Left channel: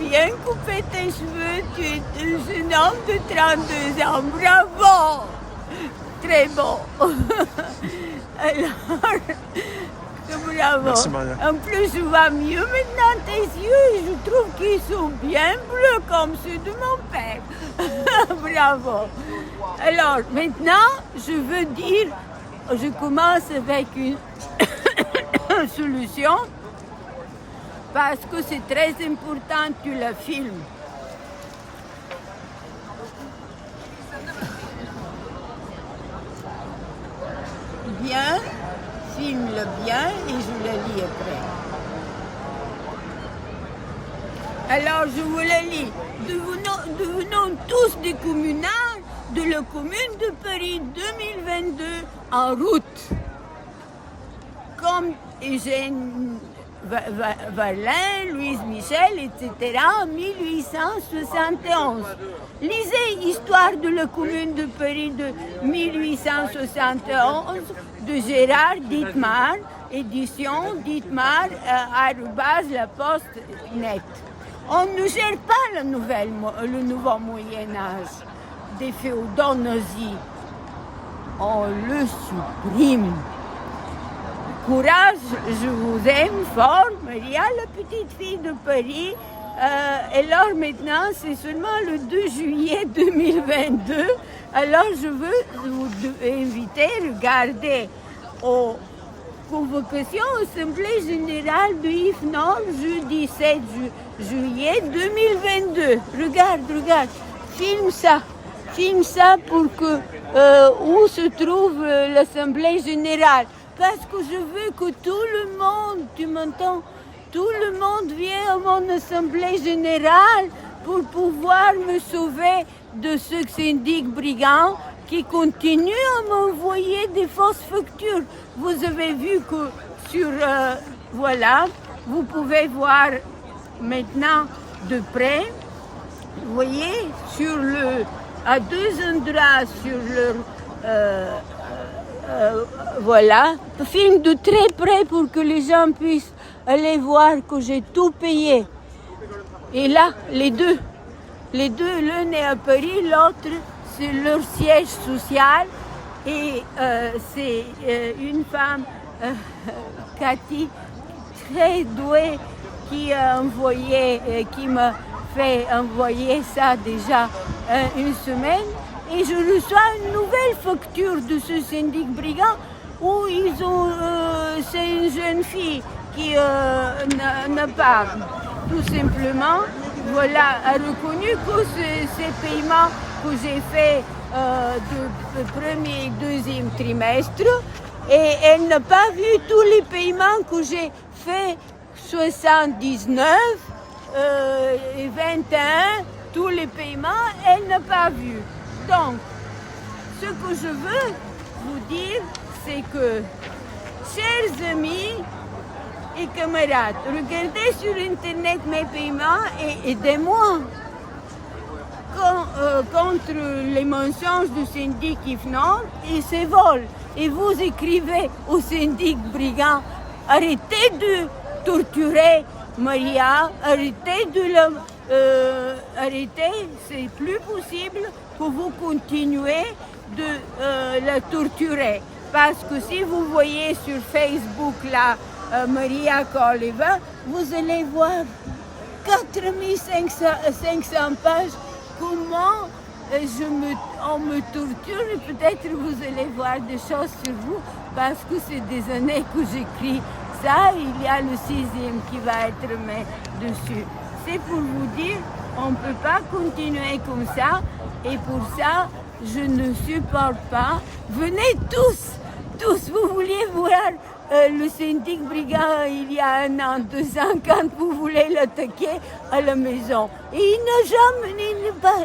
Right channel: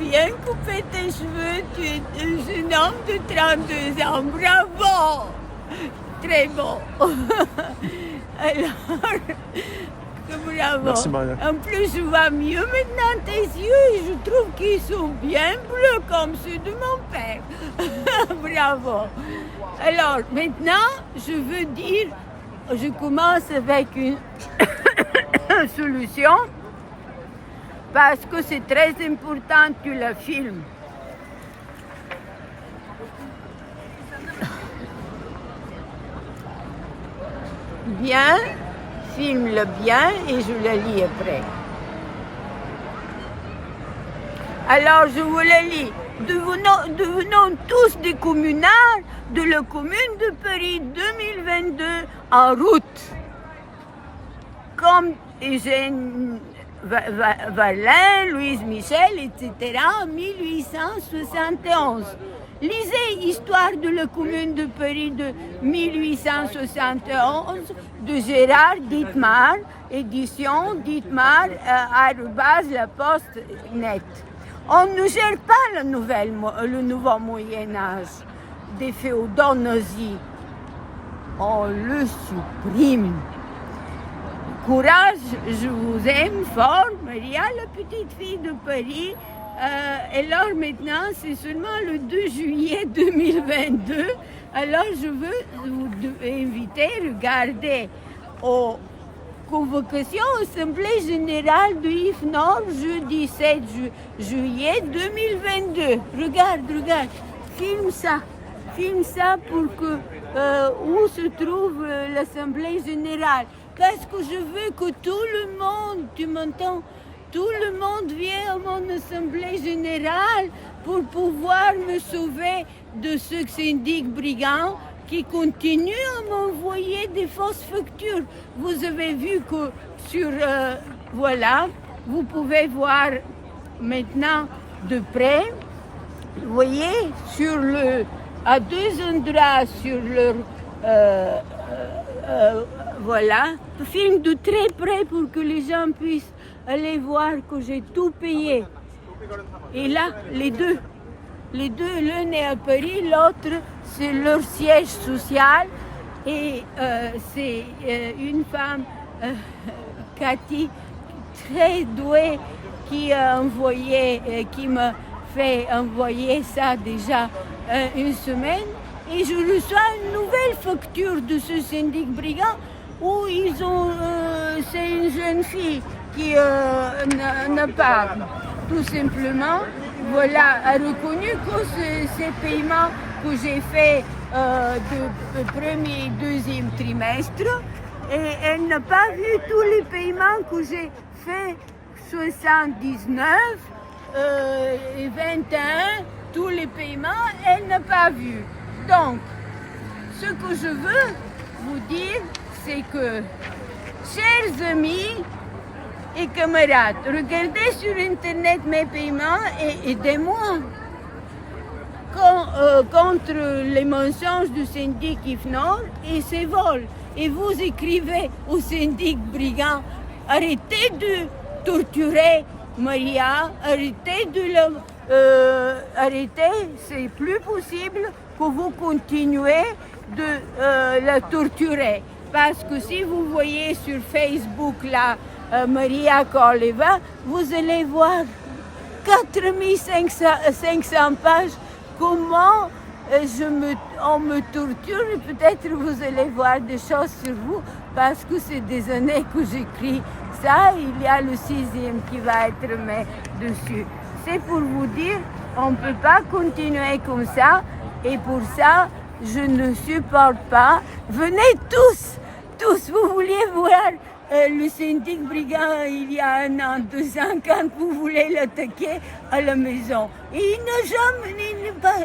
bien coupé tes cheveux. Tu es un jeune homme de 32 ans. Bravo! Très beau. Alors, bravo. Merci, Maria. En plus, je vois mieux maintenant tes yeux et je trouve qu'ils sont bien bleus comme ceux de mon père. Bravo. Alors, maintenant, je veux dire, je commence avec une solution parce que c'est très important que tu la filmes. Bien, filme-le bien et je le lis après. Alors, je vous le lis. Devenons tous des communards de la Commune de Paris 2022 en route. Comme Eugène Varlin, Louise Michel, etc. en 1871. Lisez Histoire de la Commune de Paris de 1871 de Gérard Dittmar, édition Dittmar, @laposte.net. On ne gère pas le nouveau Moyen-Âge des féodaux nazis. On le supprime. Courage, je vous aime fort, Maria, la petite fille de Paris. Et alors maintenant, c'est seulement le 2 juillet 2022. Alors je veux vous inviter à regarder aux convocations Assemblée générale de IFNOR jeudi 7 juillet 2022. Regarde, filme ça pour que où se trouve l'Assemblée générale. Parce que je veux que tout le monde, tu m'entends, tout le monde vienne à mon assemblée générale pour pouvoir me sauver de ce syndic brigand qui continue à m'envoyer des fausses factures. Vous avez vu que sur, voilà, vous pouvez voir maintenant de près, vous voyez, à deux endroits sur leur, voilà, filme de très près pour que les gens puissent aller voir que j'ai tout payé. Et là, les deux, l'un est à Paris, l'autre c'est leur siège social et c'est une femme, Cathy, très douée, qui m'a fait envoyer ça déjà une semaine. Et je reçois une nouvelle facture de ce syndic brigand où c'est une jeune fille qui n'a pas, tout simplement, voilà, a reconnu que ces paiements que j'ai faits de premier et deuxième trimestre, et elle n'a pas vu tous les paiements que j'ai faits, 79, 21, tous les paiements, elle n'a pas vu. Donc, ce que je veux vous dire, c'est que, chers amis et camarades, regardez sur Internet mes paiements et aidez-moi contre les mensonges du syndic IFNOR et ses vols. Et vous écrivez au syndic brigand, arrêtez de torturer Maria, arrêtez, c'est plus possible que vous continuez de la torturer. Parce que si vous voyez sur Facebook là, Maria Koleva, vous allez voir 4500 pages, comment on me torture, et peut-être vous allez voir des choses sur vous, parce que c'est des années que j'écris ça, il y a le 6e qui va être mis dessus. C'est pour vous dire, on ne peut pas continuer comme ça, et pour ça, je ne supporte pas. Venez tous, vous vouliez voir le syndic brigand il y a 1 an, 2 ans, quand vous voulez l'attaquer à la maison. Et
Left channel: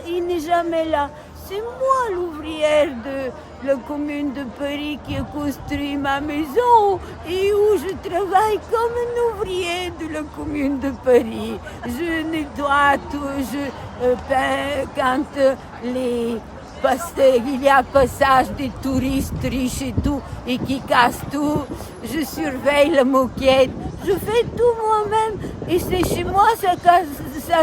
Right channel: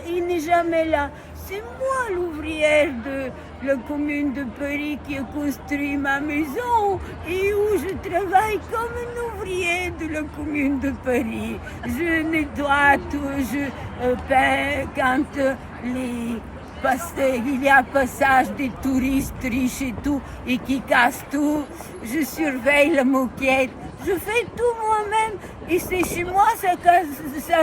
il n'est jamais là. C'est moi l'ouvrière de la commune de Paris qui a construit ma maison et où je travaille comme un ouvrier de la commune de Paris. Je nettoie tout, je peins quand il y a passage des touristes riches et tout, et qui cassent tout. Je surveille la moquette, Je fais tout moi-même. Et c'est chez moi, ça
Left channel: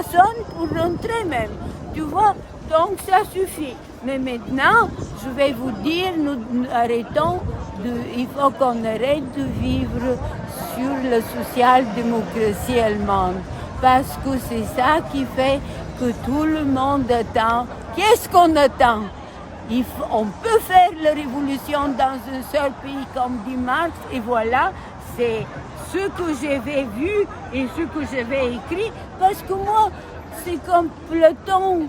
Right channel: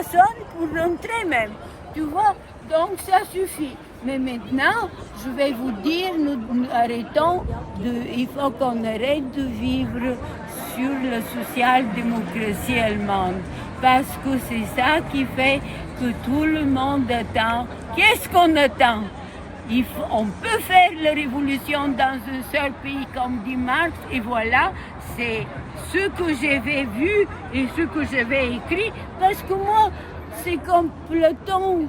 sonne pour rentrer même. Tu vois? Donc ça suffit. Mais maintenant, je vais vous dire, nous arrêtons il faut qu'on arrête de vivre sur la social-démocratie allemande. Parce que c'est ça qui fait que tout le monde attend. Qu'est-ce qu'on attend? On peut faire la révolution dans un seul pays, comme dit Marx, et voilà, c'est ce que j'avais vu et ce que j'avais écrit, parce que moi, c'est comme Platon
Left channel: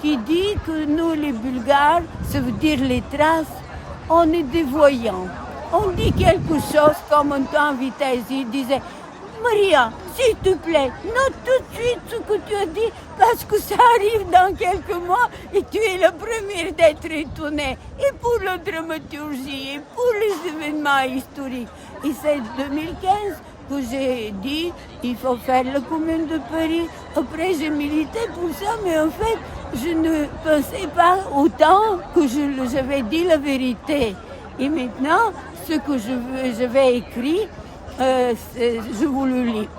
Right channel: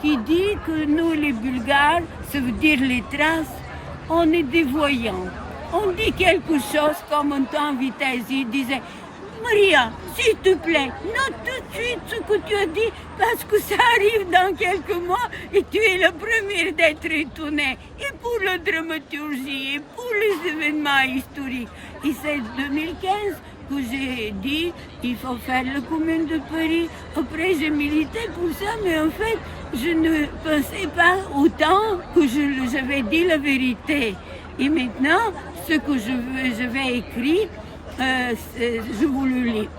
qui dit que nous, les Bulgares, ça veut dire les Thraces, on est des voyants. On dit quelque chose comme un temps Vitesse disait « Maria, s'il te plaît, note tout de suite ce que tu as dit parce que ça arrive dans quelques mois et tu es la première d'être étonnée. Et pour la dramaturgie, et pour les événements historiques. » Et c'est 2015 que j'ai dit il faut faire la Commune de Paris. Après, j'ai milité pour ça, mais en fait, je ne pensais pas autant que j'avais dit la vérité. Et maintenant, ce que je vais écrire, je vous le lis.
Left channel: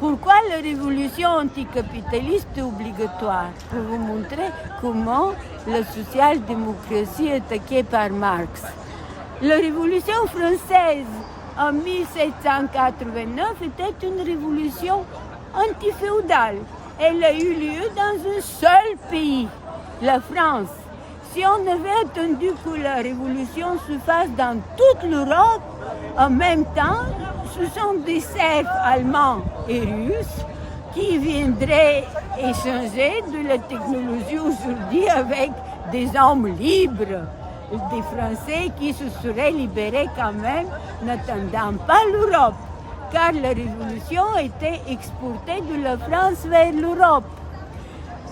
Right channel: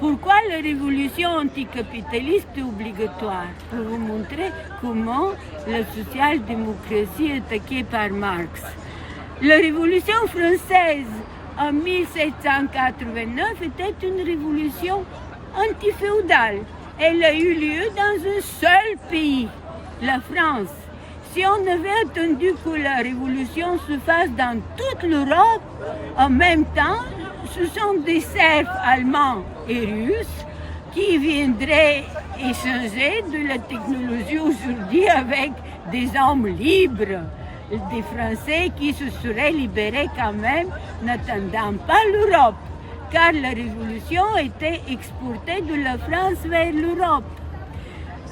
Pourquoi la révolution anticapitaliste est obligatoire? Pour vous montrer comment la social-démocratie est attaquée par Marx. La révolution française en 1789 était une révolution antiféodale. Elle a eu lieu dans un seul pays, la France. Si on avait attendu que la révolution se fasse dans toute l'Europe, en même temps, ce sont des serfs allemands et russes qui viendraient échanger de la technologie aujourd'hui avec des hommes libres, des Français qui se seraient libérés quand même, n'attendant pas l'Europe, car la révolution était exportée de la France vers l'Europe.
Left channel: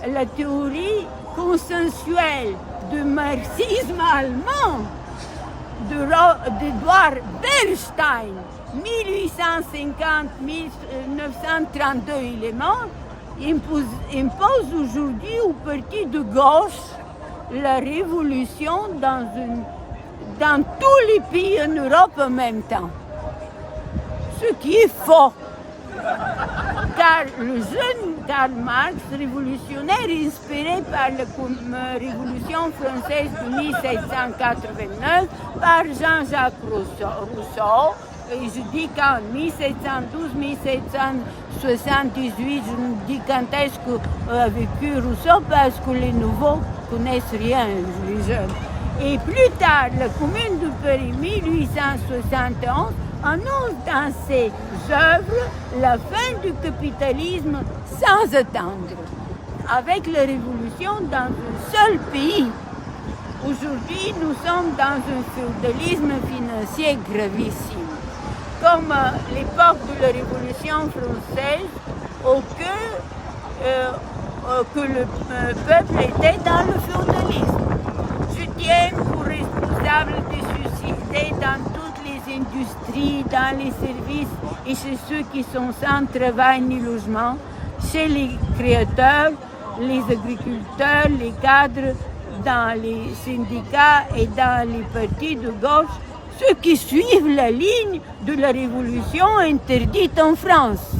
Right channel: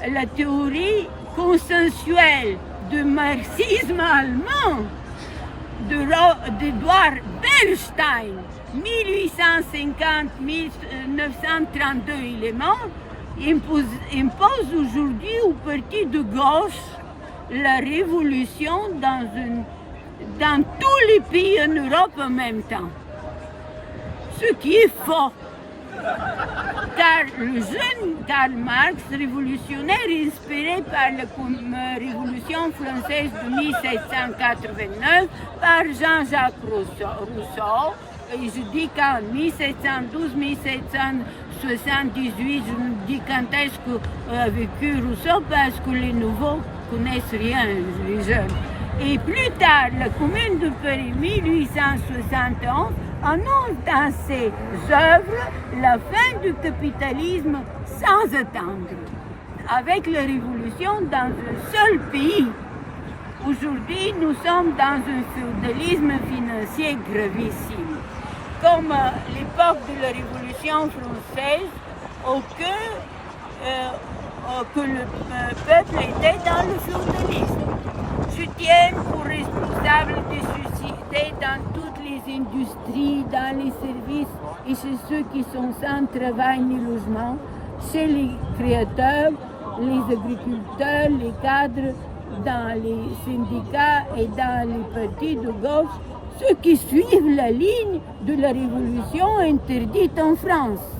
La théorie consensuelle du marxisme allemand d'Edouard Bernstein, 1850-1932, il est mort, impose aujourd'hui au parti de gauche la révolution dans tous les pays en Europe en même temps. Ce qui est faux. Car le jeune Karl Marx, révolutionnaire inspiré par la Révolution française de 1789, par Jean-Jacques Rousseau, je dis qu'en 1712-1778, je ne dis quand est-ce qu'a vécu Rousseau, parce que les nouveaux connaissent rien, les jeunes. Et plus tard, la Commune de Paris, 1871, annonce dans ses œuvres la fin du capitalisme sans attendre, avec la révolution dans un seul pays. Aujourd'hui, nous sommes dans un féodalisme financier gravissime, comme l'époque de la Révolution française, que le peuple était dans le féodalisme. Je tiens pour responsable des suicides dans toutes les industries, dans les services et chez ceux qui sont sans travail ni logement, chez les créateurs, les agriculteurs, les cadres, dans les syndicats et dans les partis de gauche, ceux qui suivent la ligne de la révolution interdite en France.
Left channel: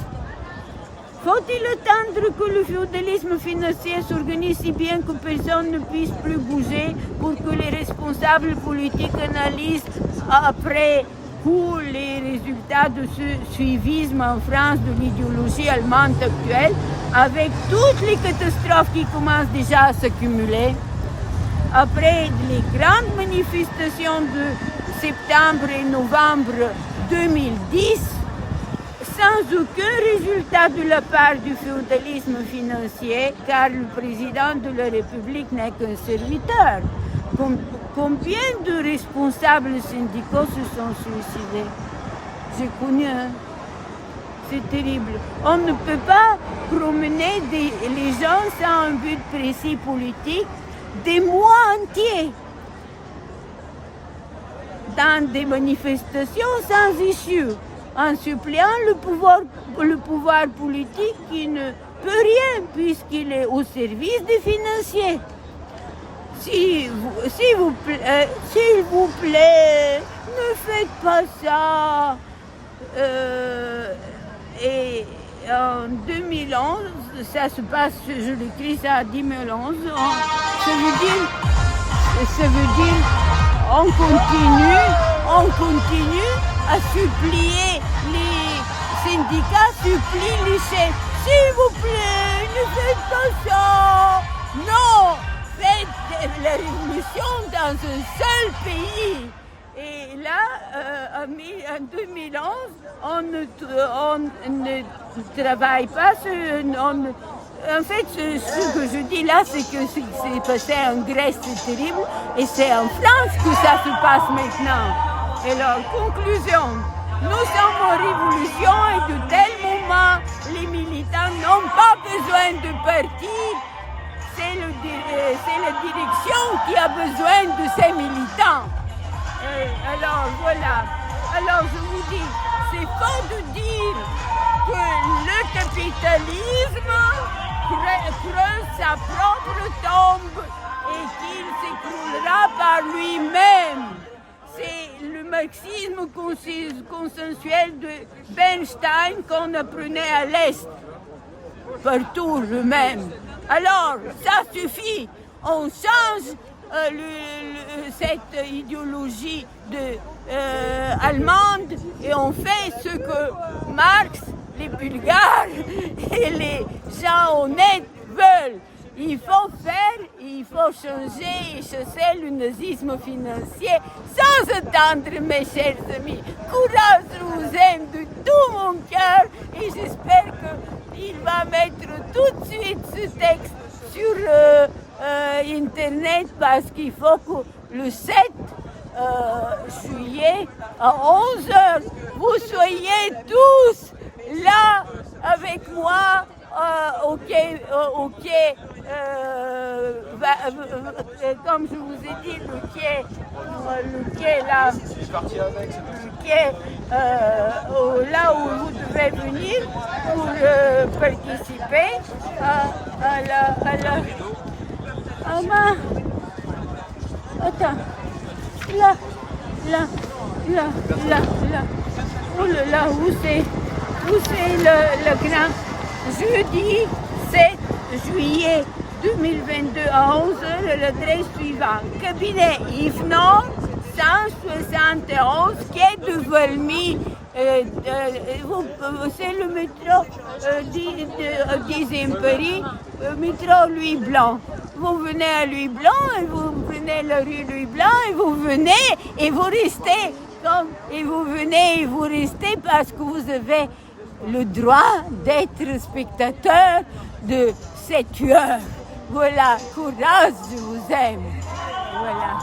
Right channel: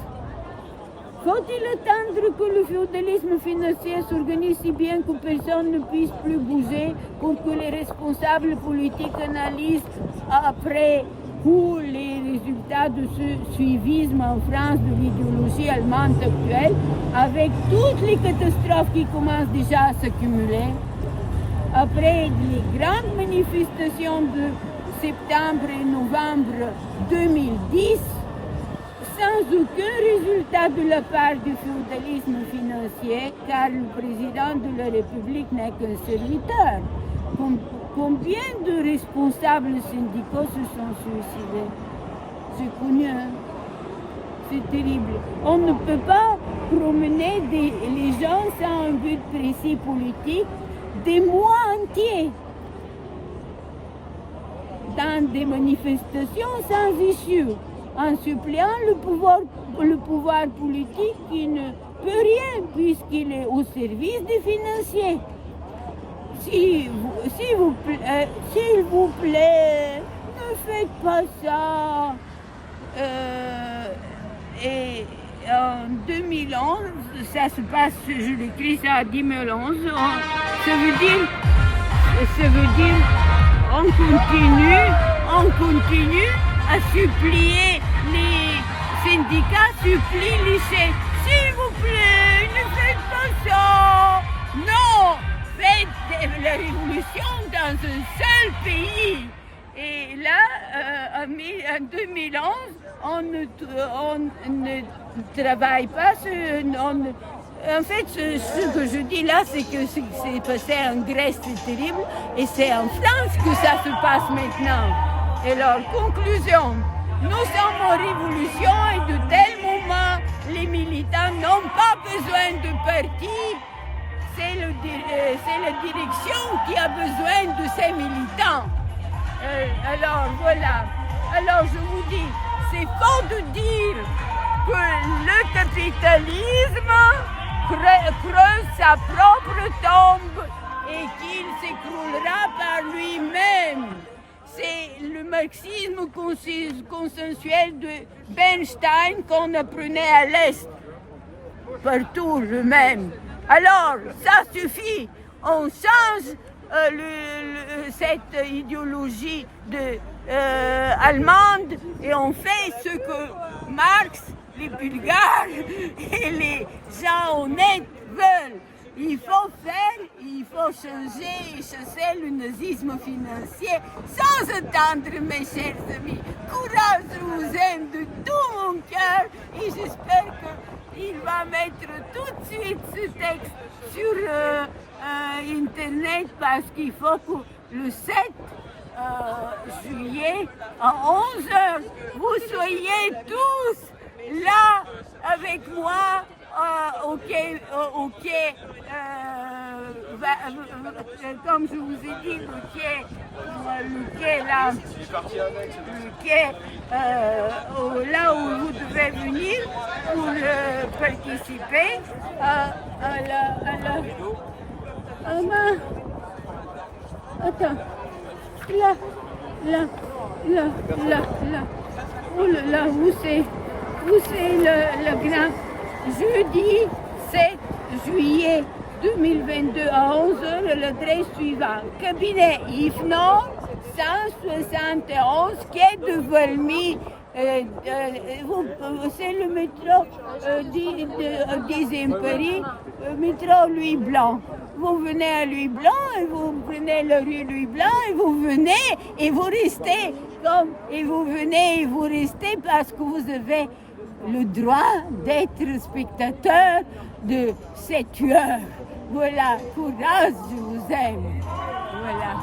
Faut-il attendre que le féodalisme financier s'organise si bien que personne ne puisse plus bouger pour que les responsables politiques analysent après coup les résultats de ce suivisme en France de l'idéologie allemande actuelle, avec toutes les catastrophes qui commencent déjà à s'accumuler? Après les grandes manifestations de septembre et novembre 2010, sans aucun résultat de la part du féodalisme financier, car le président de la République n'est qu'un serviteur. Combien de responsables syndicaux se sont suicidés? J'ai connu un. C'est terrible. On ne peut pas promener les gens sans un but précis politique des mois entiers dans des manifestations sans issue, en suppliant le pouvoir politique qui ne peut rien puisqu'il est au service des financiers. S'il vous plaît, ne faites pas ça. Et en 2011, ça se passe, je l'écris ça à 2011, ça veut dire, on continue à supplier, les syndicats supplient les chefs. S'il vous plaît, ne faites pas ça. Non, faites la révolution dans un seul pays. Et là, en 2011, on ne travaille pas. En fait, ce que je dis là, c'est que ce qui s'est passé en Grèce, c'est terrible. Et c'est en France que ça se passe maintenant. Et alors, conclusion, nous sommes en révolution et de tel moment, les militants n'ont pas besoin de parti. C'est la direction qui a besoin de ces militants. Alors voilà. Alors je vous dis, c'est faux de dire que le capitalisme creuse sa propre tombe et qu'il s'écroulera par lui-même. C'est le marxisme consensuel de Bernstein qu'on apprenait à l'Est. Partout le même. Alors, ça suffit. On change cette idéologie allemande et on fait ce que Marx, les Bulgares et les gens honnêtes veulent. Il faut changer et chasser le nazisme financier sans attendre, mes chers amis. Courage, je vous aime de tout mon cœur et j'espère qu'il va mettre tout de suite ce texte sur Internet parce qu'il faut que le 7 juillet à 11h, vous soyez tous là avec moi au quai, comme je vous ai dit, le quai là, là où vous devez venir pour participer à la attends, là, oh là là, où c'est le grand jeudi 7 juillet 2022 à 11h, l'adresse suivante. Cabinet IFNOM 171 quai de Valmy. C'est le métro 10e Paris, métro Louis Blanc. Vous venez à Louis Blanc, et vous venez à la rue Louis Blanc, et vous venez et vous restez. Et vous venez et vous restez parce que vous avez le droit d'être spectateur de cette heure. Voilà, courage, je vous aime. Voilà.